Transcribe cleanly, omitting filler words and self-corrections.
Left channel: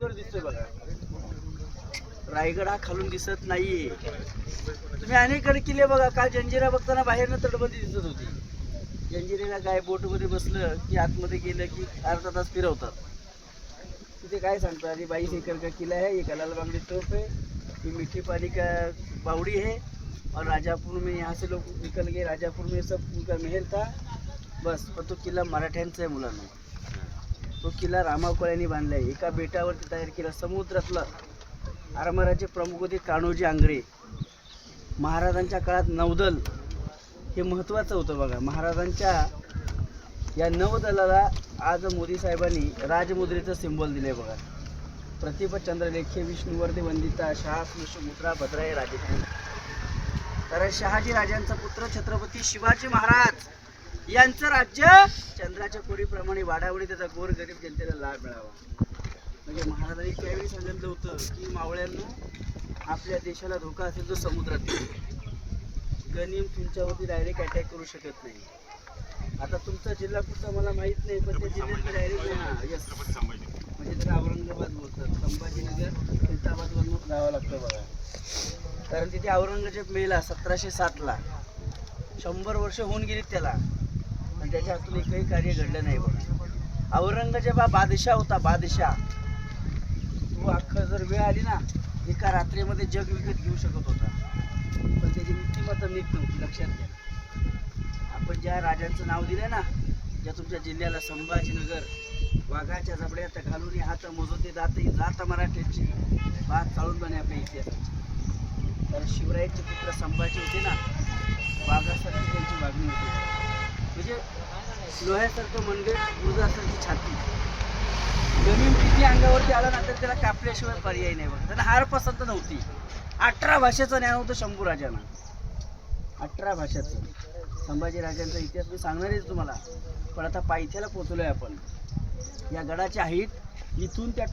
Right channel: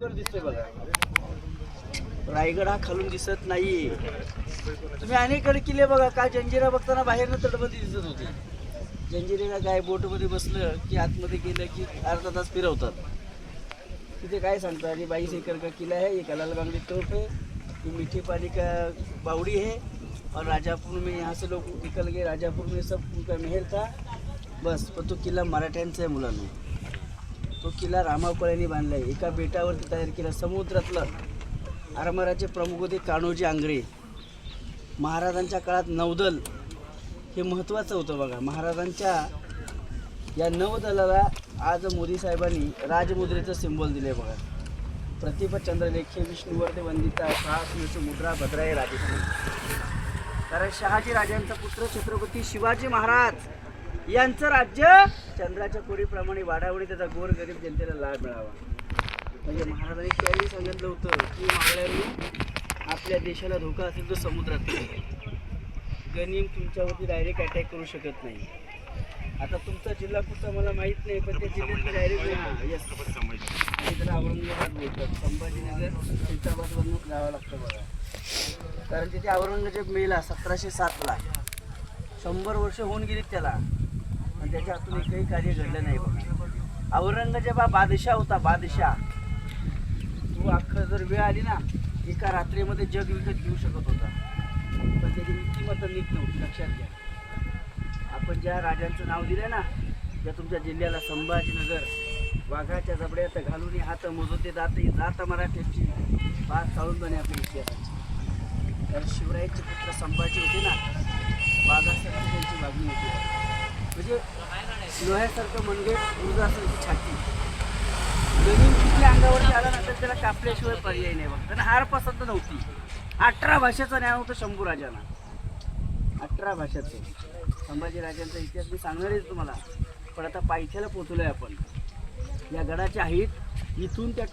दिसतोय बघा, रायगड हा खालून दिसत नाहीये. तुम्ही अनेक किल्ले बघा, काल जंजिरा बघताना बाहेरनं तटबंदी दिसत होती. जंजिरेला काय बोटमध्ये बसलं की आतमध्ये गेलं की अर्धा तास फिरवतात. तिथे काय सांगतो, आणि 22 एकर का किला है, ये कलाल बांगड़ी तोप है, ये मीठी पानी का बावड़ी है, और राजापुर में यहाँ से लोग निकल गए, राजापुर में सब उनका महल था बस. पण तो किल्ला मराठ्यांचा आहे मुलांना. तो किल्ला रामाकोळ्यांनी बांधला आहे, एका बेटावरती तयार केला. समुद्रातलं आरमाराचे प्रमुख होते कान्होजी आंग्रे. महाराजांच्या काळात नौदल हे महत्त्वाचं होतं बघा. महाराजांच्या या नौदलाला आज मोदी साहेबांनी राजमुद्रेचं सिंबल दिले बघा. प्रतिभ चंद्रलेखे विष्णुवर्धे वंदिता शास मुद्रा भद्राय राजेपूर. कारण शहाजी राजांचा पुत्र छत्रपती शिवाजी महाराज यांचं राज्य चंद्राच्या कोरीप्रमाणे वाढावडी त्याचा गोरगरीब जनतेला लाभ मिळावा. म्हणजे महाराजांनी त्यावेळी सांगितलं होतं की मावळ्यांनी आपल्या देशाला धोका असेल तर समुद्रात गनिम तुमच्यावरती डायरेक्ट अटॅक करू शकत नाही. आता तुमचा जिल्हा कुठचा मला माहीत नाही, पण त्या जिल्ह्यात डायरेक्ट त्याला औरंगाबाद बोलतात. संभाजीनगर खुलताबादवरून जावं लागतं बघा. कारण तिथे औरंगजेब मेला 1707ला. 100 वर्ष होऊन गेलीत त्याला, पण त्याच्या हातून एकही कार्य घडलं नाही बघा. औरंगजेब हा बादशाह होता, बादशाह. तो अख्खा जर वेळ आली ना, एका रात्रीमध्ये जग विकत घेऊ शकत होता, पण त्याची नीतिमत्ता नीट नव्हती. लक्षात घ्या, आपण ज्या राजांचं नाव दिलं ना, ज्या तुमच्या जिल्ह्याला संभाजीनगर, वाघाच्या जबड्यात घालून हात मोजून ते जात मराठ्याची बात चालून बने आपल्या इतिहासाची. तर शिवरायांचे पुत्र संभाजी होते ना, वाघासारखी त्यांची वागणी होती. म्हणजे लोह्यासारखं मनगट, उर्जासारखी छाती. गनिम किती अंगावरती आला ना तर त्याला कापल्याशिवाय पर्याय नाही बघ. त्याला हार पसंत नव्हती. 18 भाषेचं ज्ञान होतं शंभू राजांना, 18 भाषेचं. संभाजी राजांचा इतिहास मी सांगणारच तुम्हाला, पण आता पायथ्याला पोचलोय आपण. या गडाची हाईट इथून त्या